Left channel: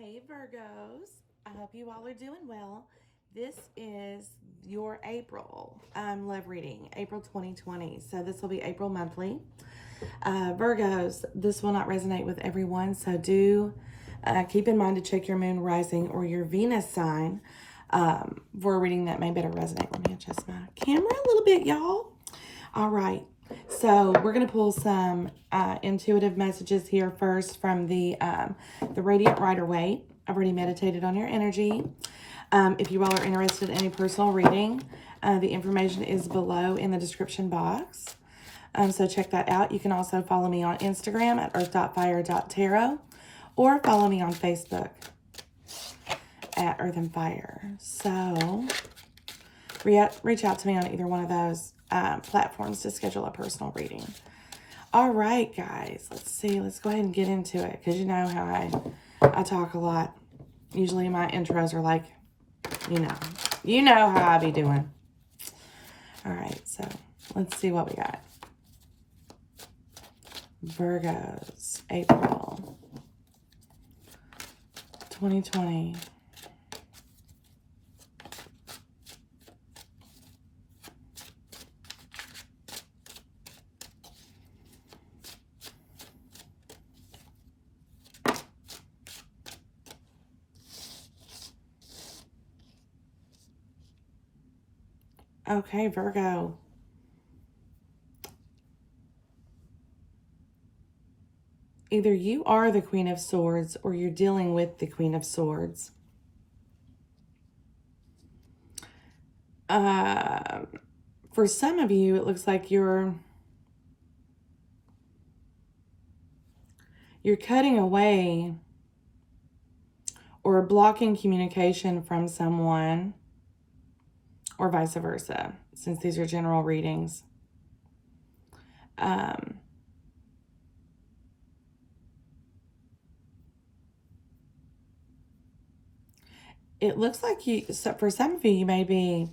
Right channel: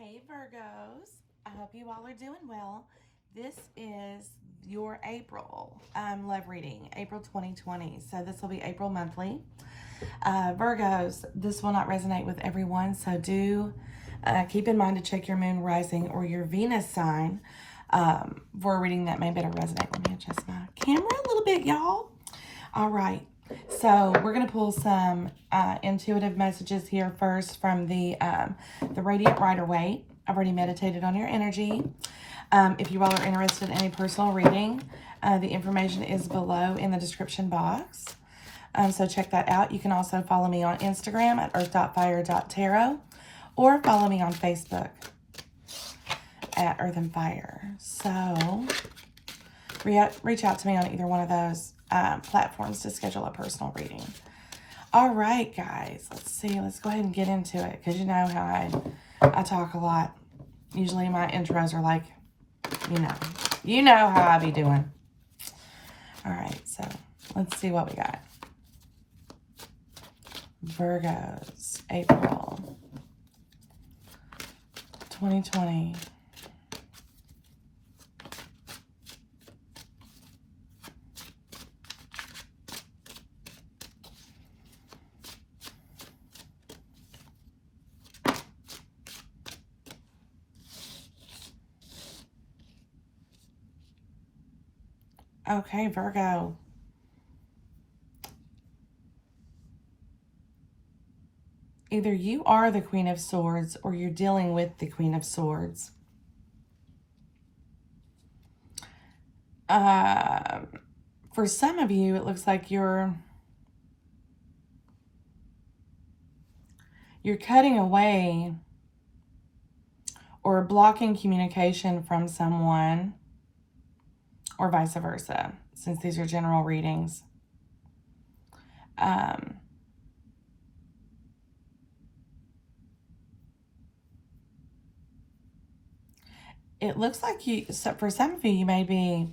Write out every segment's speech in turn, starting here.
Hey Virgos, I hope you all are doing well. This is your April love reading, April 2020. So this will be April monthly. Virgos, this will not resonate with everyone, so do keep in mind to check your moon rising or your Venus sign for a reading that may better resonate. Let me adjust my camera a little bit, y'all. All right. So we're going to pull some intuitive messages here first from the Radiant Rider-Waite. I've already meditated on your energy. If you all are interested in a personal reading, the information is below in the description box. So check that out. You can also follow me on Instagram at earth.fire.tarot or follow me on Facebook at EarthandFire. So reach out to me on either one of those platforms to schedule a personal reading. All right, guys, let's see. Let's go ahead and get into it because you know how I talk a lot. Usually my intros are like, you know how I be doing. All right, so let's see what we got. Virgos, April 2020. Okay, Virgo. Either you are the Queen of Swords or you're dealing with the Queen of Swords. For some of you, it looks like you're cutting away or blocking communication from someone, or vice versa, since these are general readings. It looks like for some of you, you may be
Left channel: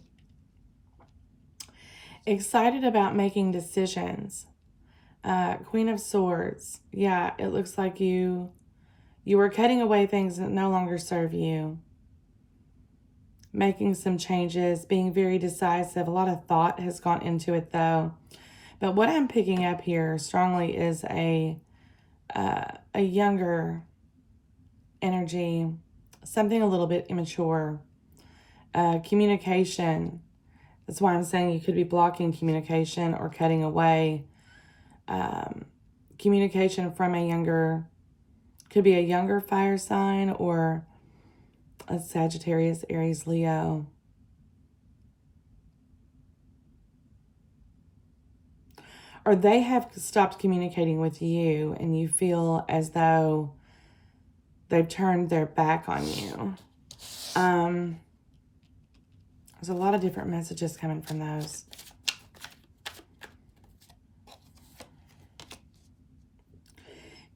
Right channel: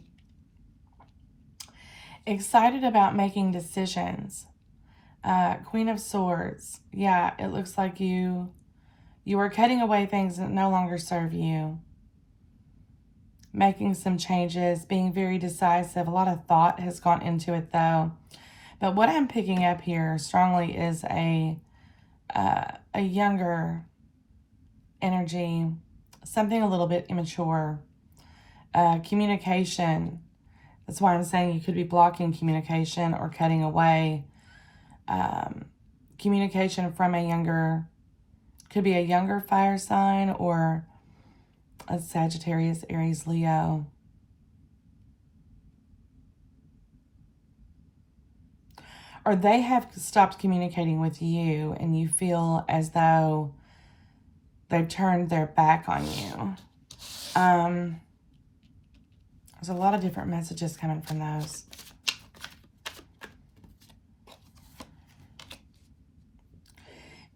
excited about making decisions. Queen of Swords. Yeah, it looks like you are cutting away things that no longer serve you. Making some changes, being very decisive. A lot of thought has gone into it, though. But what I'm picking up here strongly is a younger energy, something a little bit immature. Communication. That's why I'm saying you could be blocking communication or cutting away communication from could be a younger fire sign or a Sagittarius, Aries, Leo. Or they have stopped communicating with you and you feel as though they've turned their back on you. There's a lot of different messages coming from those.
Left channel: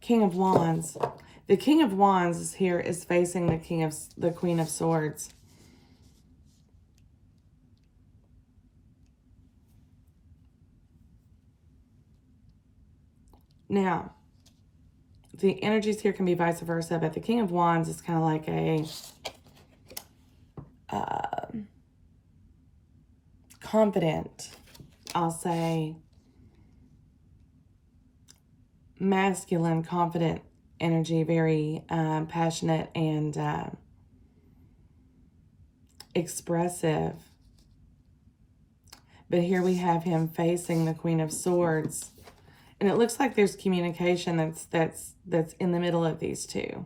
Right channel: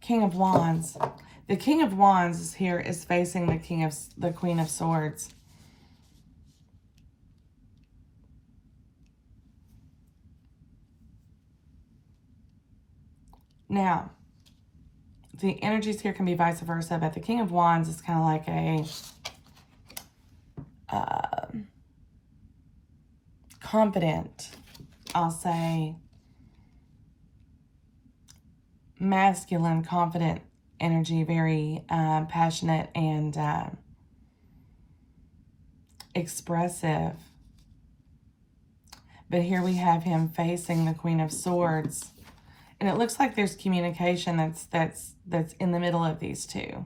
King of Wands. The King of Wands is here, is facing the Queen of Swords. Now, the energies here can be vice versa, but the King of Wands is kind of like a confident, I'll say, masculine, confident energy, very passionate and expressive. But here we have him facing the Queen of Swords. And it looks like there's communication that's in the middle of these two.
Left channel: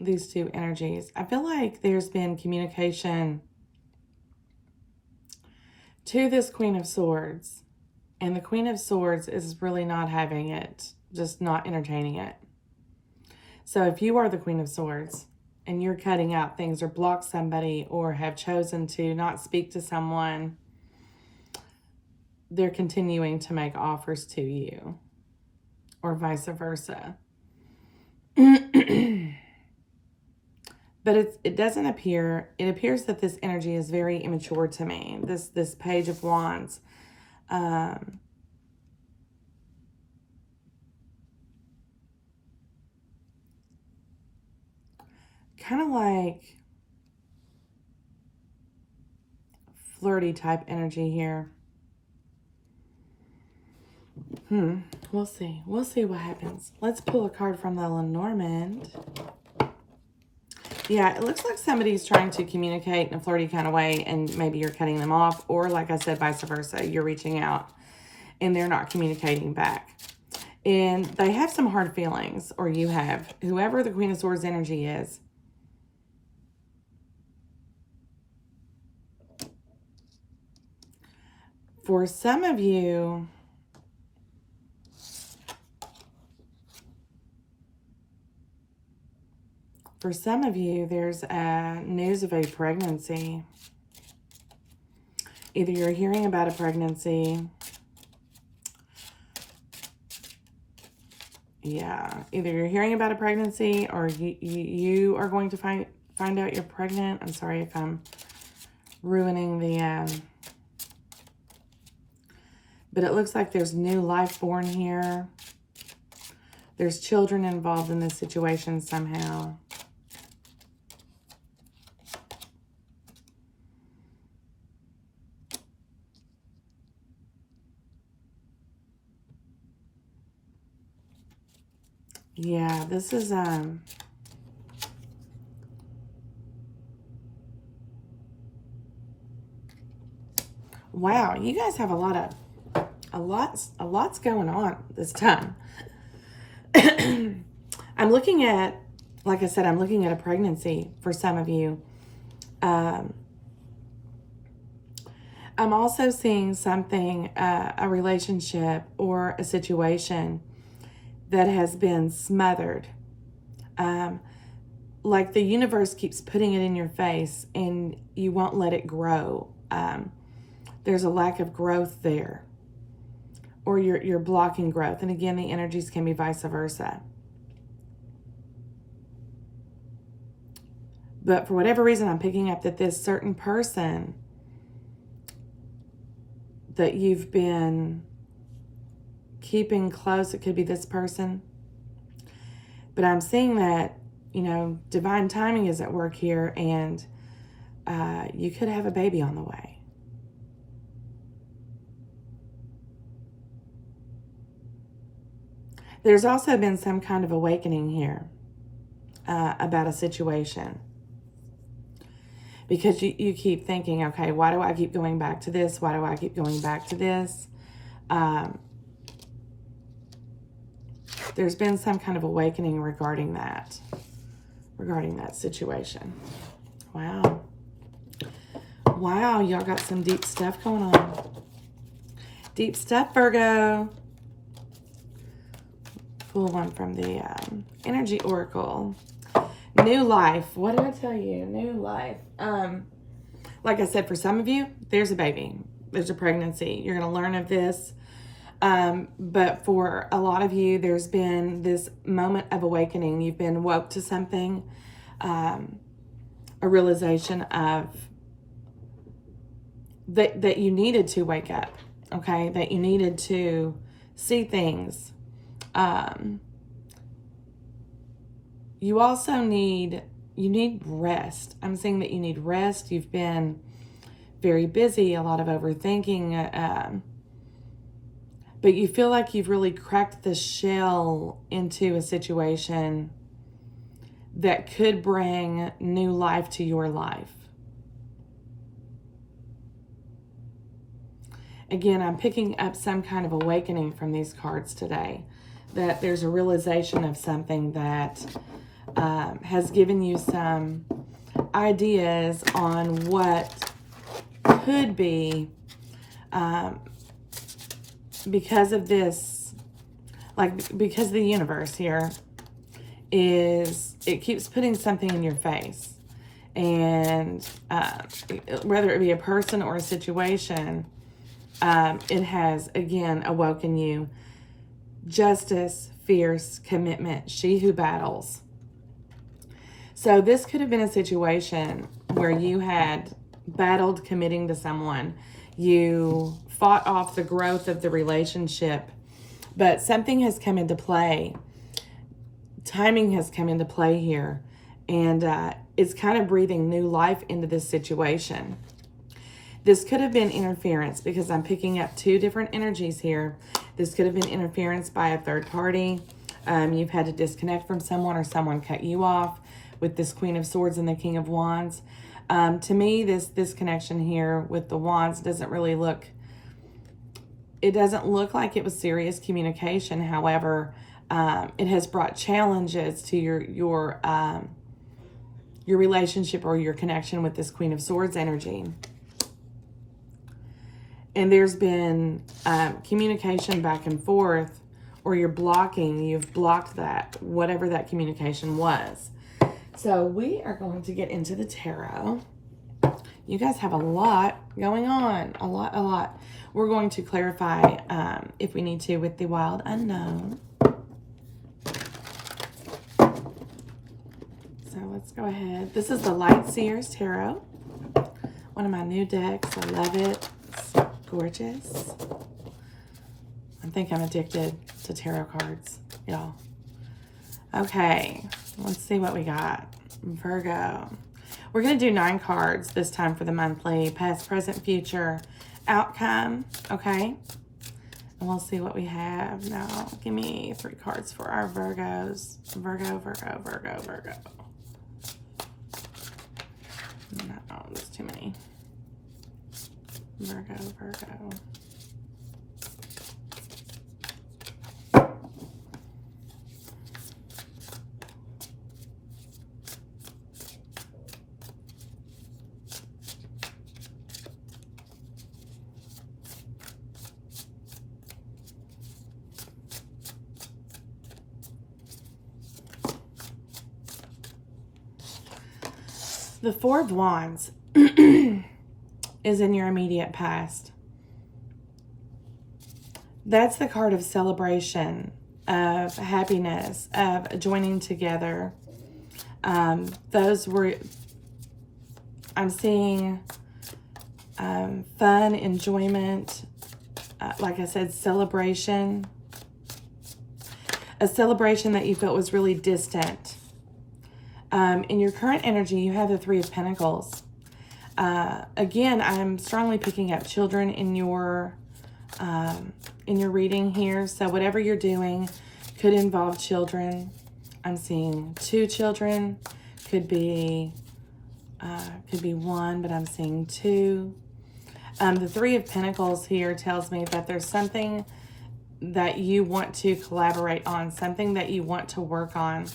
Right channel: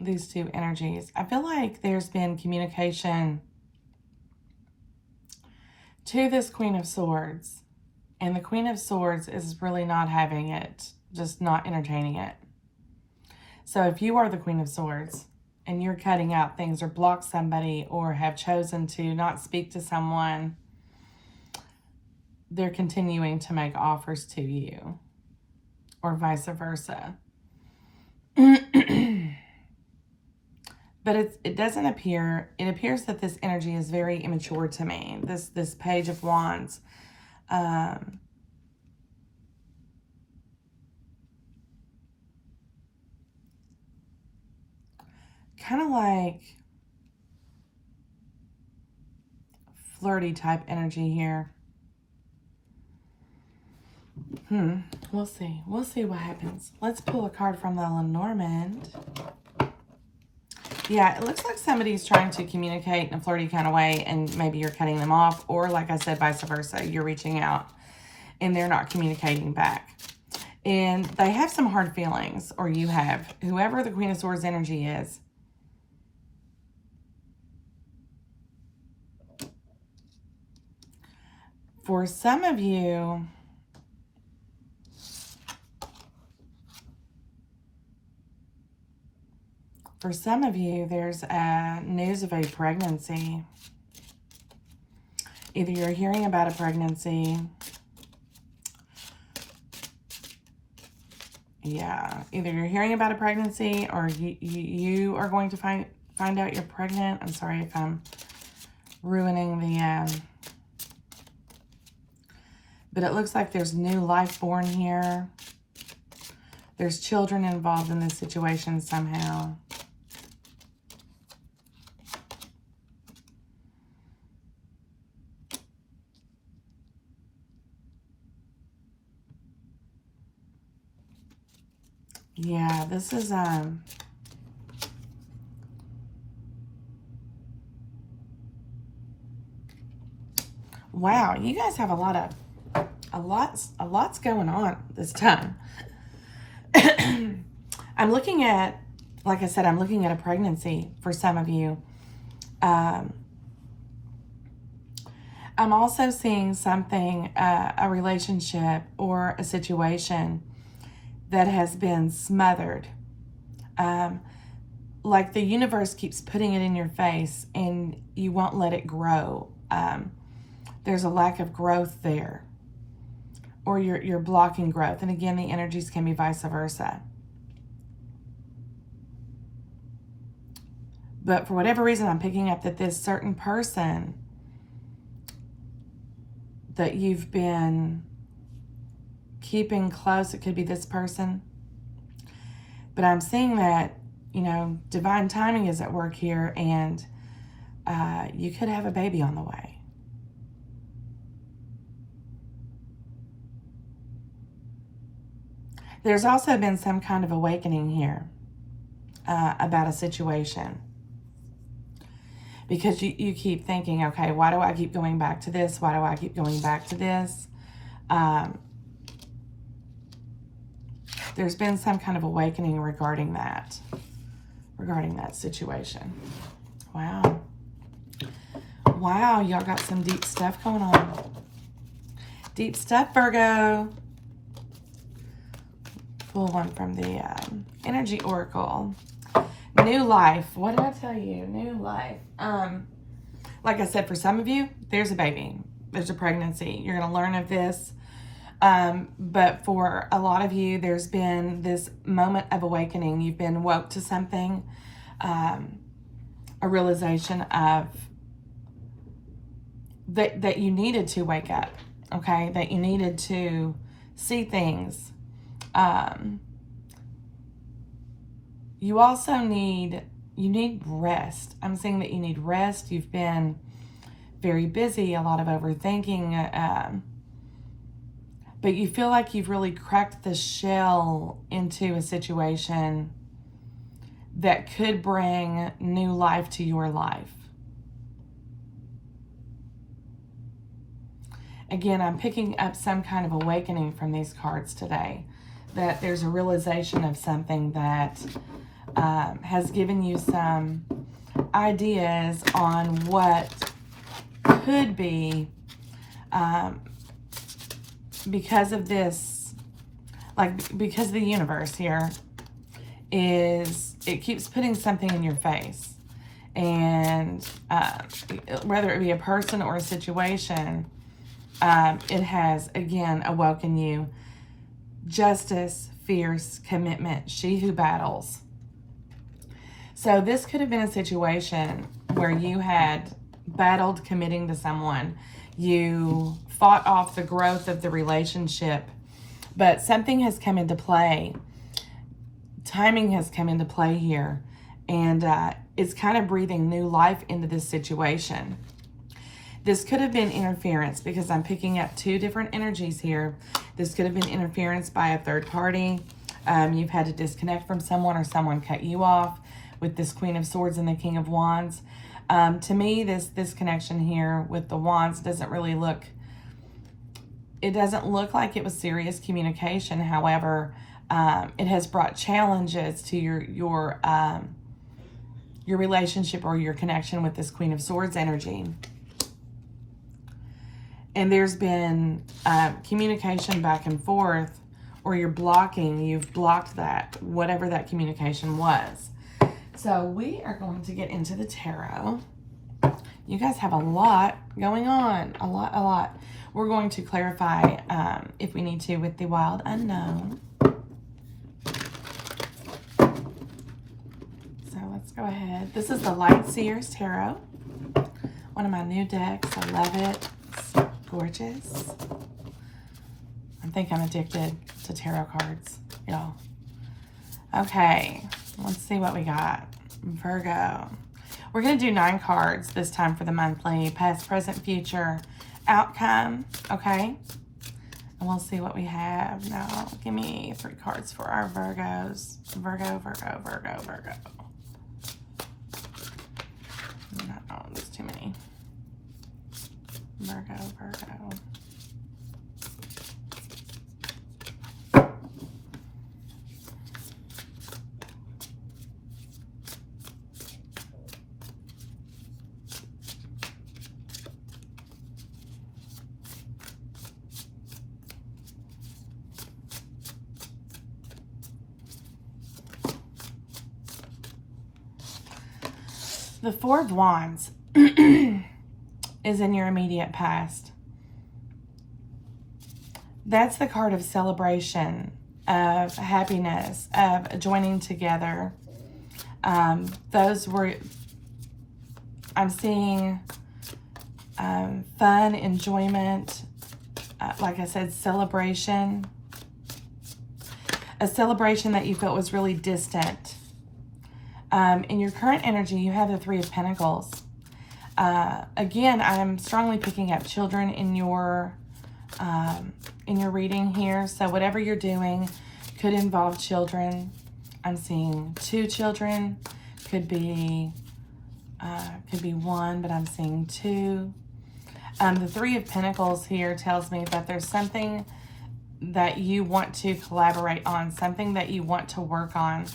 These two energies. I feel like there's been communication to this Queen of Swords. And the Queen of Swords is really not having it, just not entertaining it. So if you are the Queen of Swords and you're cutting out things or block somebody or have chosen to not speak to someone, they're continuing to make offers to you or vice versa. But it doesn't appear, it appears that this energy is very immature to me. This Page of Wands. kind of like flirty type energy here. We'll see. We'll see what happens. Let's pull a card from the Lenormand. Yeah, it looks like somebody's trying to communicate in a flirty kind of way, and maybe you're cutting them off, or like I said, vice versa. You're reaching out and they're not communicating back. And they have some hard feelings, or you have. Whoever the Queen of Swords energy is. For some of you, there's news of a pregnancy. Either you're hearing about a pregnancy. Yeah, either you're hearing about a pregnancy, or you are going to find out you're pregnant. I'm sorry if I'm ruining the... but it looks like there's new life born here. There's children involved in this situation somehow. Yeah, this is wow, you guys have a lot's going on this time. I'm looking at, like I said, I'm looking at a pregnancy for some of you. I'm also seeing something, a relationship or a situation that has been smothered. Like the universe keeps putting it in your face and you won't let it grow. There's a lack of growth there, or you're blocking growth. And again, the energies can be vice versa. But for whatever reason, I'm picking up that this certain person that you've been keeping close, it could be this person. But I'm seeing that, you know, divine timing is at work here, and you could have a baby on the way. There's also been some kind of awakening here about a situation. Because you keep thinking, okay, why do I keep going back to this? Why do I keep going back to this? There's been some kind of awakening regarding that situation. Wow. Wow, y'all got some deep stuff going on. Deep stuff, Virgo. Pull one from the Energy Oracle. New life. What did I tell you? New life. Like I said, for some of you, there's a baby. There's a pregnancy. You're going to learn of this. But for a lot of you, there's been this moment of awakening. You've been woke to something, a realization of that you needed to wake up, okay? That you needed to see things. You also need rest. I'm seeing that you need rest. You've been very busy, a lot of overthinking, but you feel like you've really cracked the shell into a situation that could bring new life to your life. Again, I'm picking up some kind of awakening from these cards today, that there's a realization of something that has given you some ideas on what could be, because of this, because the universe here it keeps putting something in your face, and whether it be a person or a situation, it has again awoken you. Justice, fierce, commitment, she who battles. So this could have been a situation where you had battled committing to someone. You fought off the growth of the relationship, but something has come into play. Timing has come into play here, And it's kind of breathing new life into this situation. This could have been interference because I'm picking up two different energies here. This could have been interference by a third party. You've had to disconnect from someone or someone cut you off with this Queen of Swords and the King of Wands. To me, this connection here with the Wands doesn't really look, it doesn't look like it was serious communication. However, it has brought challenges to your relationship or your connection with this Queen of Swords energy. And there's been communication back and forth, or you've blocked that, whatever that communication was. So we are going to get into the tarot. You guys have a lot going on, a lot. We're going to clarify if we need to with the Wild Unknown. So let's go ahead. This is the Light Seers Tarot. One of my new decks. I love it. It's gorgeous. I think I'm addicted to tarot cards, y'all. Okay, let's see what we got. Virgo. We're going to do 9 cards this time for the monthly. Past, present, future, outcome. Okay. And we'll see what we have. Now, give me 3 cards for our Virgos. Virgo. No, there's too many. Virgo. The Four of Wands is in your immediate past. That's the card of celebration, of happiness, of joining together. Those were, I'm seeing fun, enjoyment, like I said, celebration. A celebration that you felt was really distant. In your current energy, you have the Three of Pentacles. Again, I'm strongly picking up children in your reading here. So whatever you're doing could involve children. I'm seeing 2 children. Could be 1, but I'm seeing 2. The Three of Pentacles here tells me that there's something that you want to collaborate on, something that you want to work on.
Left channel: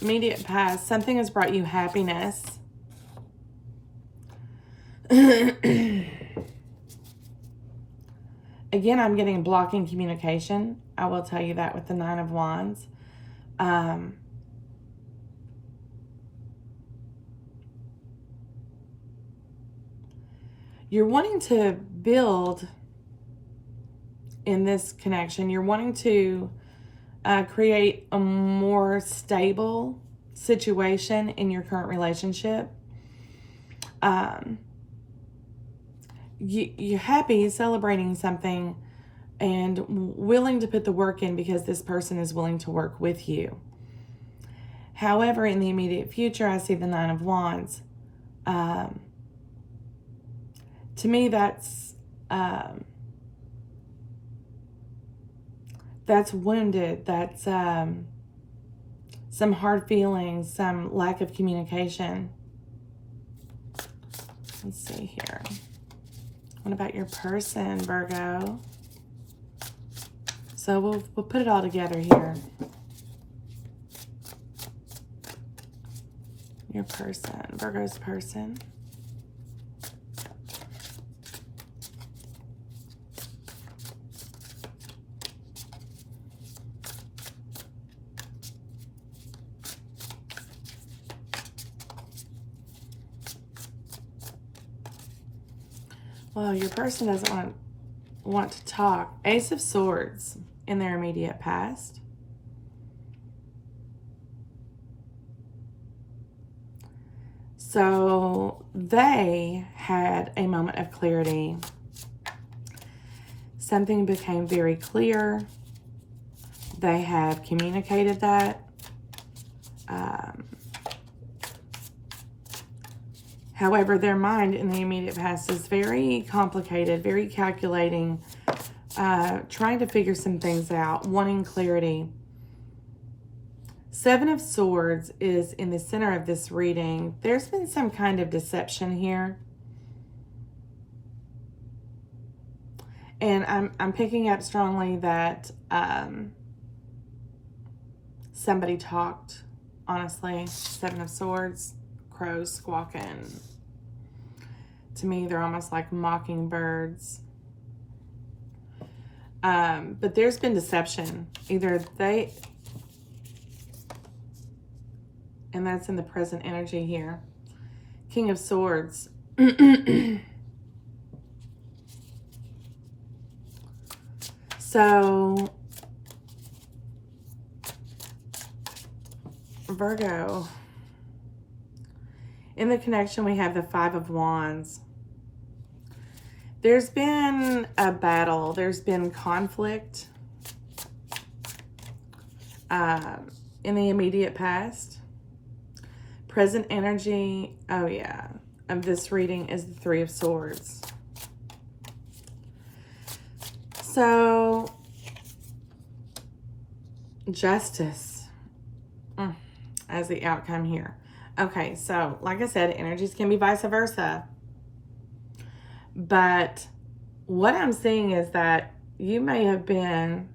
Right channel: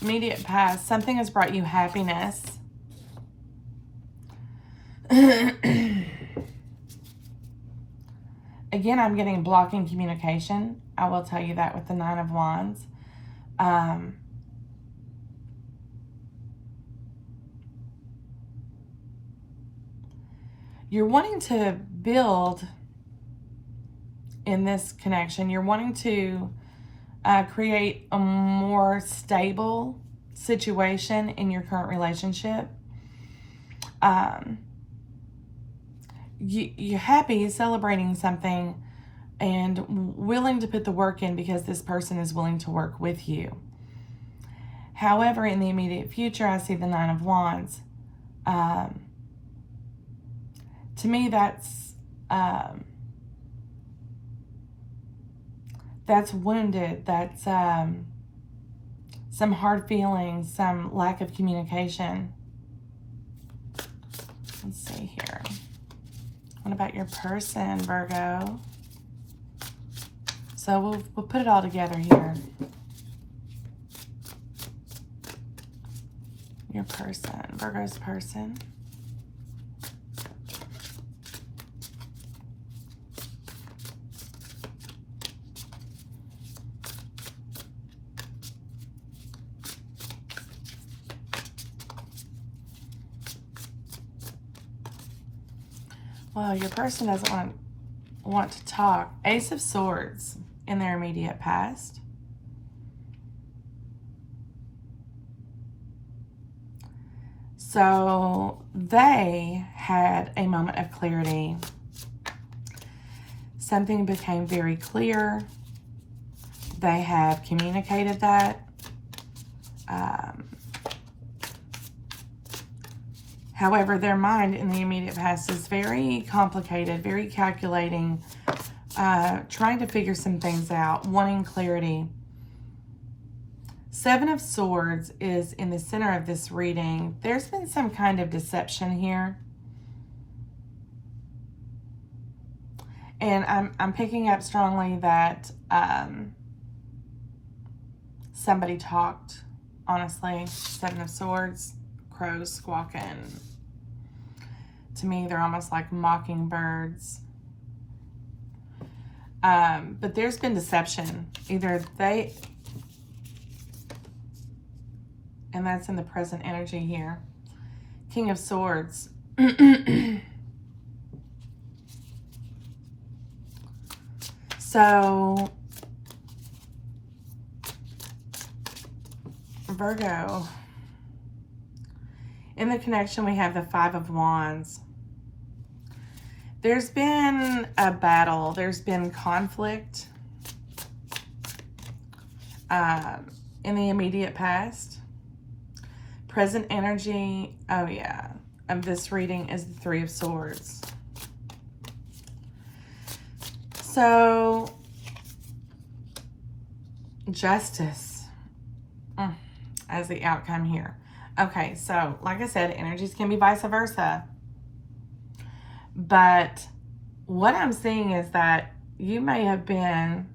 Immediate past, something has brought you happiness. Again, I'm getting blocking communication. I will tell you that with the Nine of Wands. You're wanting to build in this connection. You're wanting to create a more stable situation in your current relationship. You're happy, celebrating something, and willing to put the work in because this person is willing to work with you. However, in the immediate future, I see the Nine of Wands. To me, that's wounded. That's some hard feelings, some lack of communication. Let's see here. What about your person, Virgo? So we'll put it all together here. Your person, Virgo's person. Well, your person doesn't want to talk. Ace of Swords in their immediate past. So they had a moment of clarity. Something became very clear. They have communicated that. However, their mind in the immediate past is very complicated, very calculating, trying to figure some things out, wanting clarity. Seven of Swords is in the center of this reading. There's been some kind of deception here. And I'm picking up strongly that somebody talked, honestly. Seven of Swords, crows squawking. To me, they're almost like mockingbirds. But there's been deception. Either they... And that's in the present energy here. King of Swords. So, Virgo. In the connection, we have the Five of Wands. There's been a battle. There's been conflict in the immediate past. Present energy, oh yeah, of this reading is the Three of Swords. So, justice as the outcome here. Okay, so like I said, energies can be vice versa. But what I'm seeing is that you may have been,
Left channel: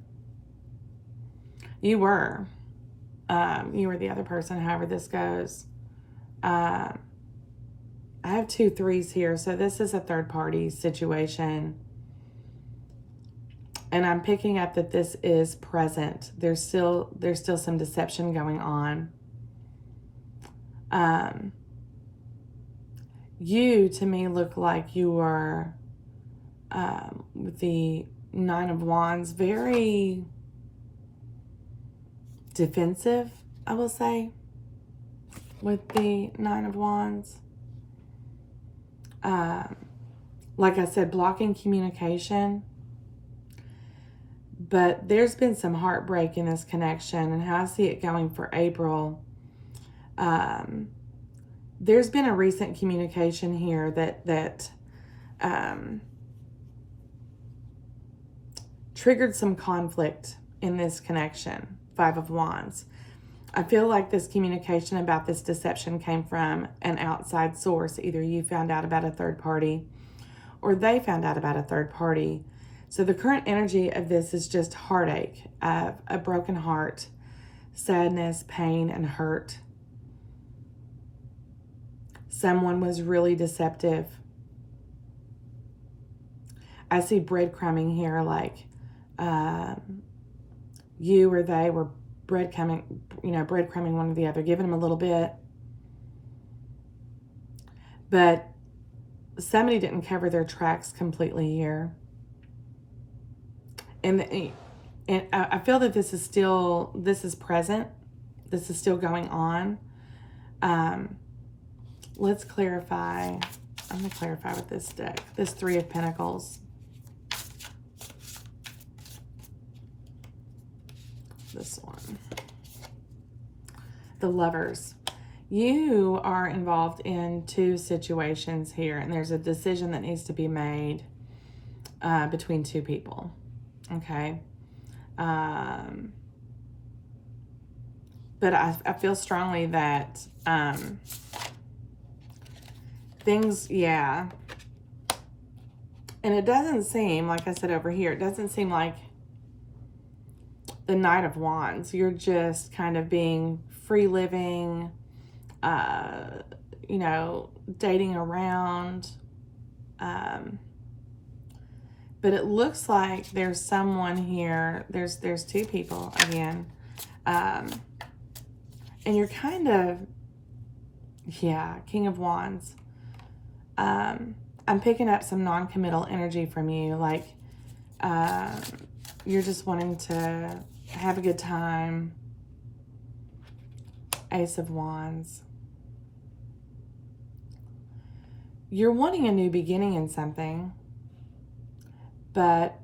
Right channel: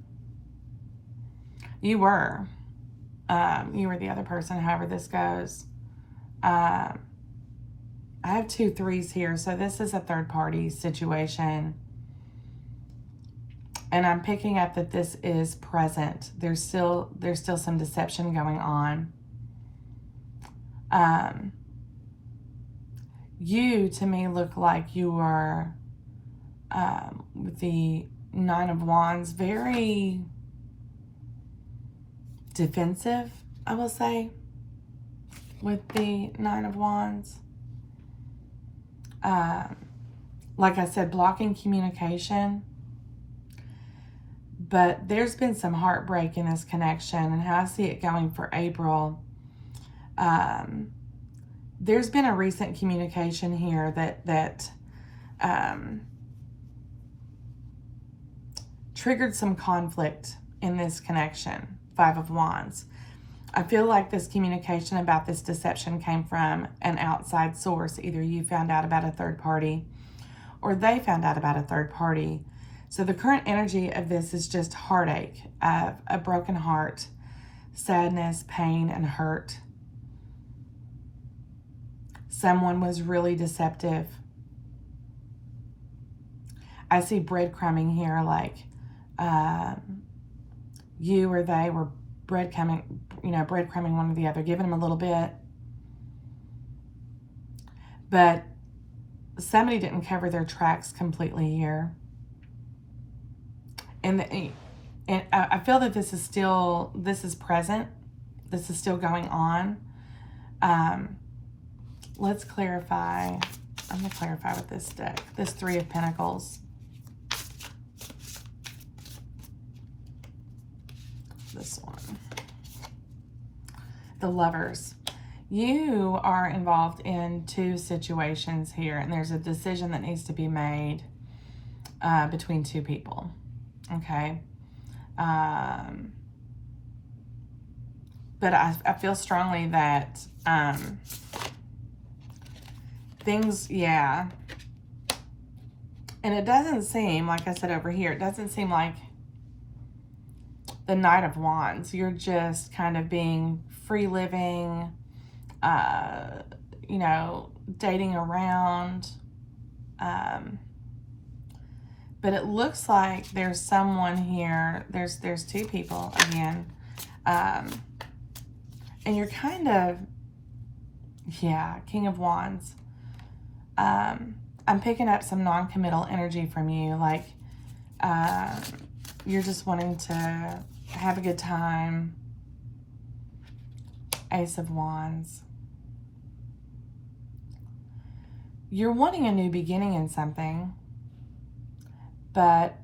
you were the other person, however this goes. I have 2 3s here, so this is a third party situation. And I'm picking up that this is present. There's still some deception going on. You, to me, look like you were, with the Nine of Wands, very defensive, I will say, with the Nine of Wands. Like I said, blocking communication. But there's been some heartbreak in this connection, and how I see it going for April. There's been a recent communication here that triggered some conflict in this connection. Five of Wands. I feel like this communication about this deception came from an outside source. Either you found out about a third party or they found out about a third party. So the current energy of this is just heartache, a broken heart, sadness, pain, and hurt. Someone was really deceptive. I see breadcrumbing here, like you or they were breadcrumbing one or the other, giving them a little bit. But somebody didn't cover their tracks completely here. And I feel that this is present. This is still going on. Let's clarify. I'm going to clarify with this deck. This Three of Pentacles. This one. The Lovers. You are involved in 2 situations here, and there's a decision that needs to be made between 2 people. Okay. But I feel strongly that things, yeah. And it doesn't seem, like I said over here, it doesn't seem like the Knight of Wands. You're just kind of being free living, dating around. But it looks like there's someone here. There's 2 people again. And you're kind of, yeah, King of Wands. I'm picking up some non-committal energy from you. Like, you're just wanting to have a good time. Ace of Wands. You're wanting a new beginning in something. But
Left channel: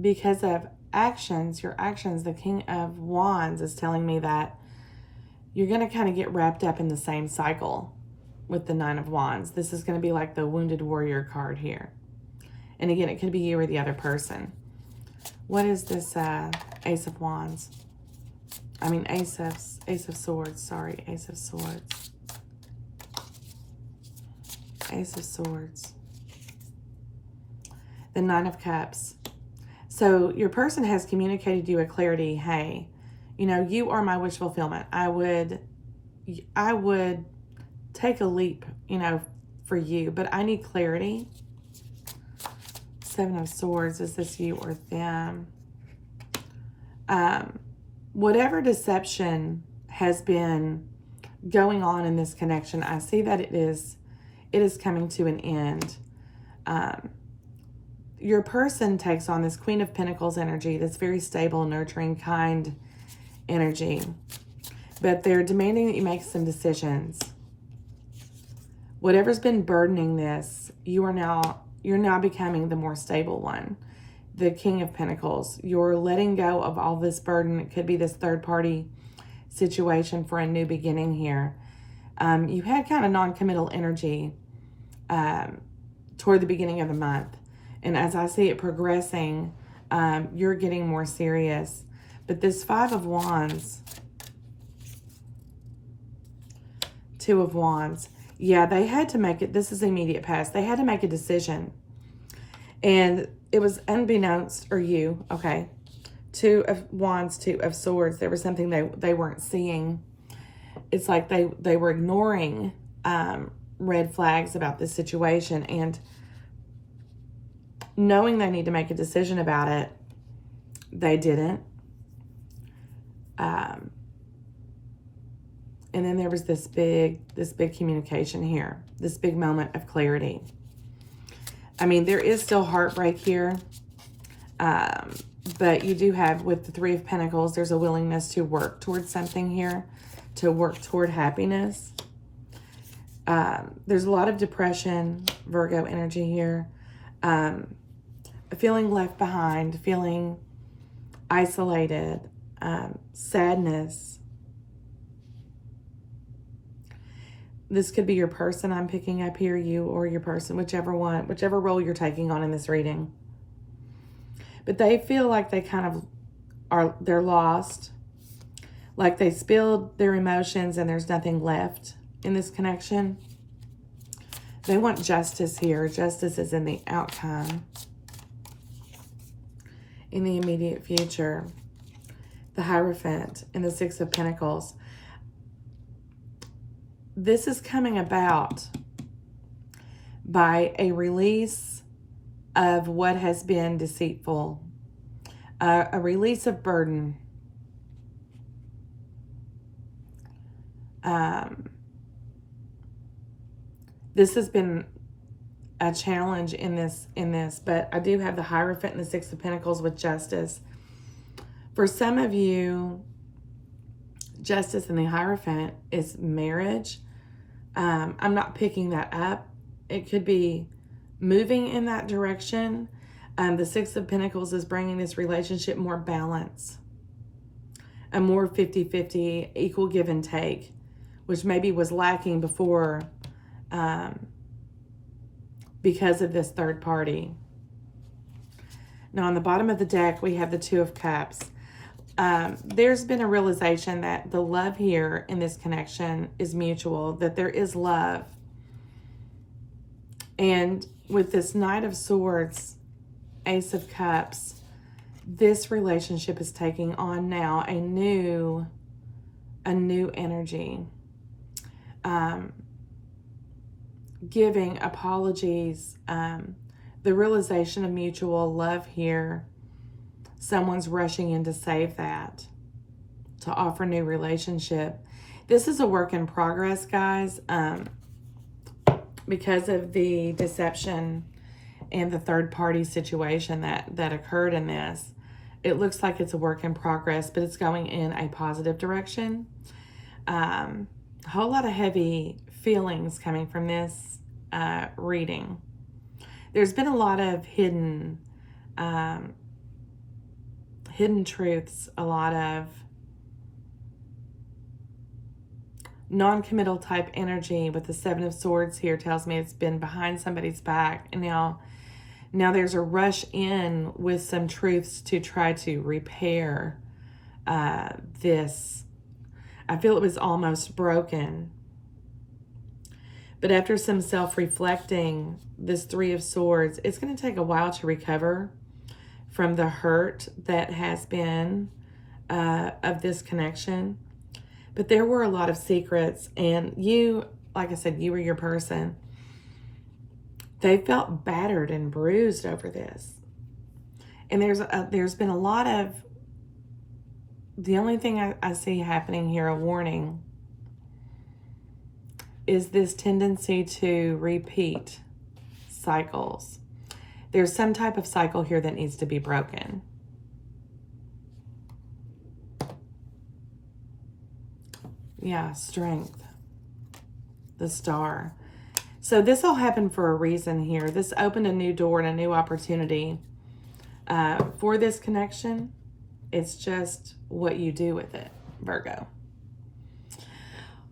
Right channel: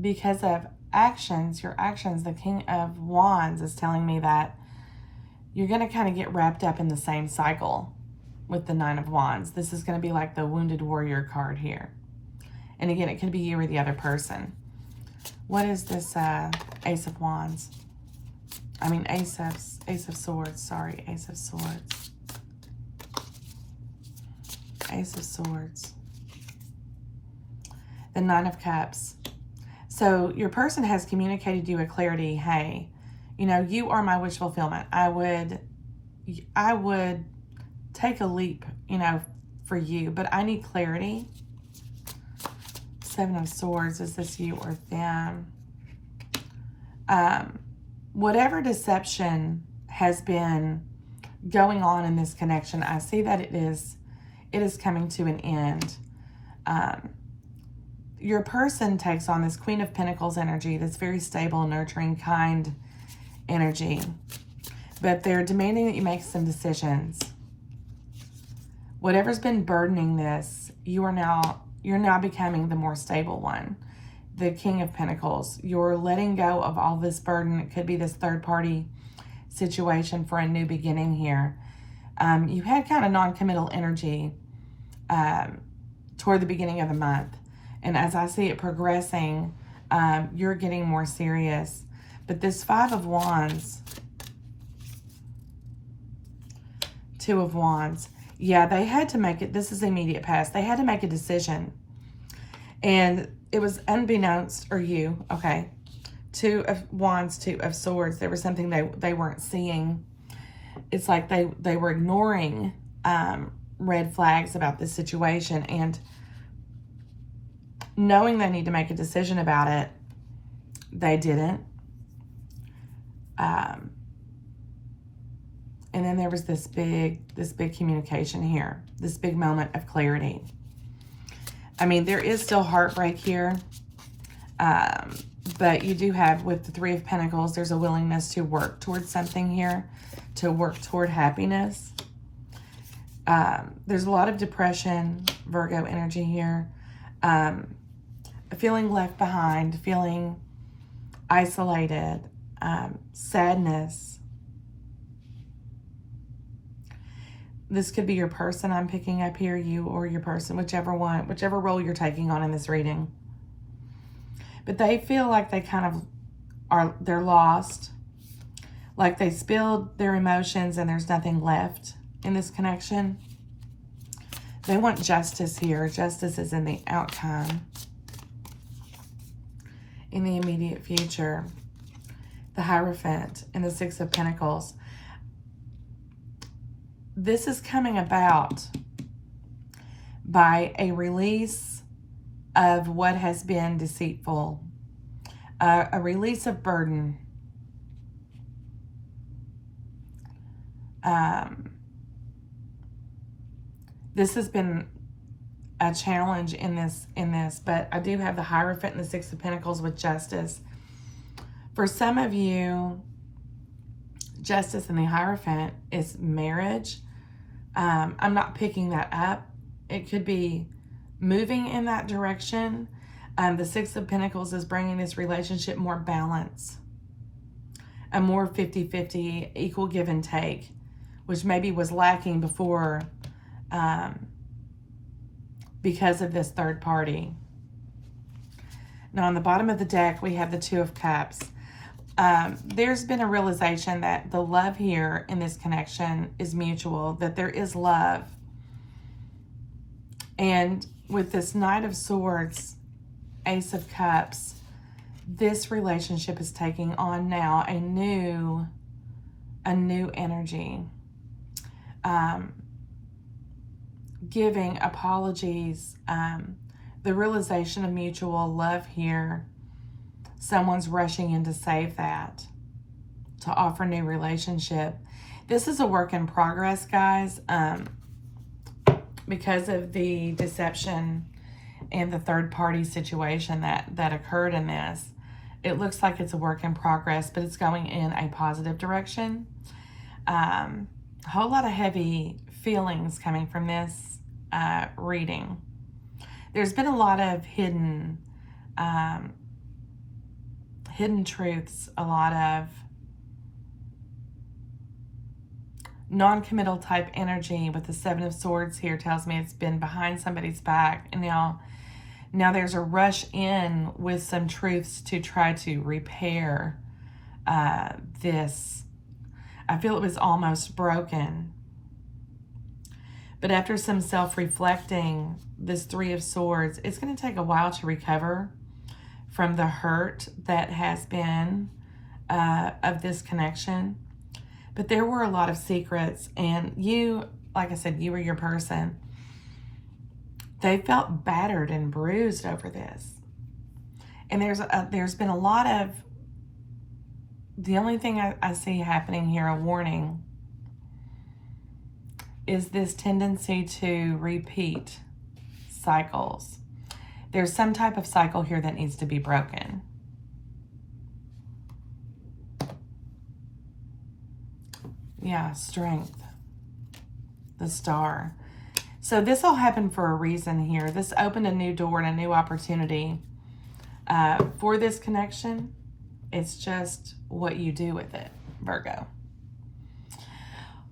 because of actions, your actions, the King of Wands is telling me that you're going to kind of get wrapped up in the same cycle with the Nine of Wands. This is going to be like the Wounded Warrior card here. And again, it could be you or the other person. What is this Ace of Wands? I mean, Ace of Swords. Sorry, Ace of Swords. Ace of Swords. The Nine of Cups. So your person has communicated you with clarity. Hey, you know, you are my wish fulfillment. I would take a leap, you know, for you, but I need clarity. Seven of Swords. Is this you or them? Whatever deception has been going on in this connection, I see that it is coming to an end. Your person takes on this Queen of Pentacles energy, that's very stable, nurturing, kind energy. But they're demanding that you make some decisions. Whatever's been burdening this, you're now becoming the more stable one. The King of Pentacles. You're letting go of all this burden. It could be this third-party situation for a new beginning here. You had kind of non-committal energy toward the beginning of the month. And as I see it progressing, you're getting more serious. But this Five of Wands, Two of Wands, yeah, they had to make it. This is the immediate past. They had to make a decision. And it was unbeknownst, or you, okay. Two of Wands, Two of Swords. There was something they weren't seeing. It's like they were ignoring red flags about this situation. And knowing they need to make a decision about it, they didn't. And then there was this big communication here, this big moment of clarity. I mean, there is still heartbreak here, but you do have, with the Three of Pentacles, there's a willingness to work towards something here, to work toward happiness. There's a lot of depression, Virgo energy here. Feeling left behind, feeling isolated, sadness. This could be your person I'm picking up here, you or your person, whichever role you're taking on in this reading. But they feel like they kind of they're lost, like they spilled their emotions and there's nothing left in this connection. They want justice here. Justice is in the outcome, in the immediate future. The Hierophant and the Six of Pentacles. This is coming about by a release of what has been deceitful, a release of burden. This has been a challenge in this, but I do have the Hierophant and the Six of Pentacles with justice. For some of you, justice in the Hierophant is marriage. I'm not picking that up. It could be moving in that direction. The Six of Pentacles is bringing this relationship more balance, a more 50-50, equal give and take, which maybe was lacking before because of this third party. Now, on the bottom of the deck, we have the Two of Cups. There's been a realization that the love here in this connection is mutual, that there is love. And with this Knight of Swords, Ace of Cups, this relationship is taking on now a new energy. Giving apologies, the realization of mutual love here. Someone's rushing in to save that, to offer new relationship. This is a work in progress, guys, because of the deception and the third party situation that occurred in this. It looks like it's a work in progress, but it's going in a positive direction. A whole lot of heavy feelings coming from this reading. There's been a lot of hidden truths, a lot of non-committal type energy with the Seven of Swords here tells me it's been behind somebody's back, and now there's a rush in with some truths to try to repair this. I feel it was almost broken. But after some self-reflecting, this Three of Swords, it's going to take a while to recover from the hurt that has been of this connection. But there were a lot of secrets, and you, like I said, you were your person. They felt battered and bruised over this. And there's been a lot of, the only thing I see happening here, a warning, is this tendency to repeat cycles. There's some type of cycle here that needs to be broken. Yeah, Strength. The Star. So this all happened for a reason here. This opened a new door and a new opportunity for this connection. It's just what you do with it, Virgo.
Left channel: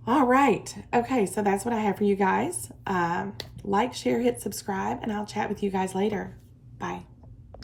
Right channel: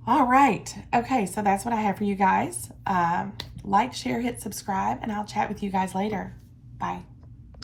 All right. Okay, so that's what I have for you guys. Like, share, hit subscribe, and I'll chat with you guys later. Bye.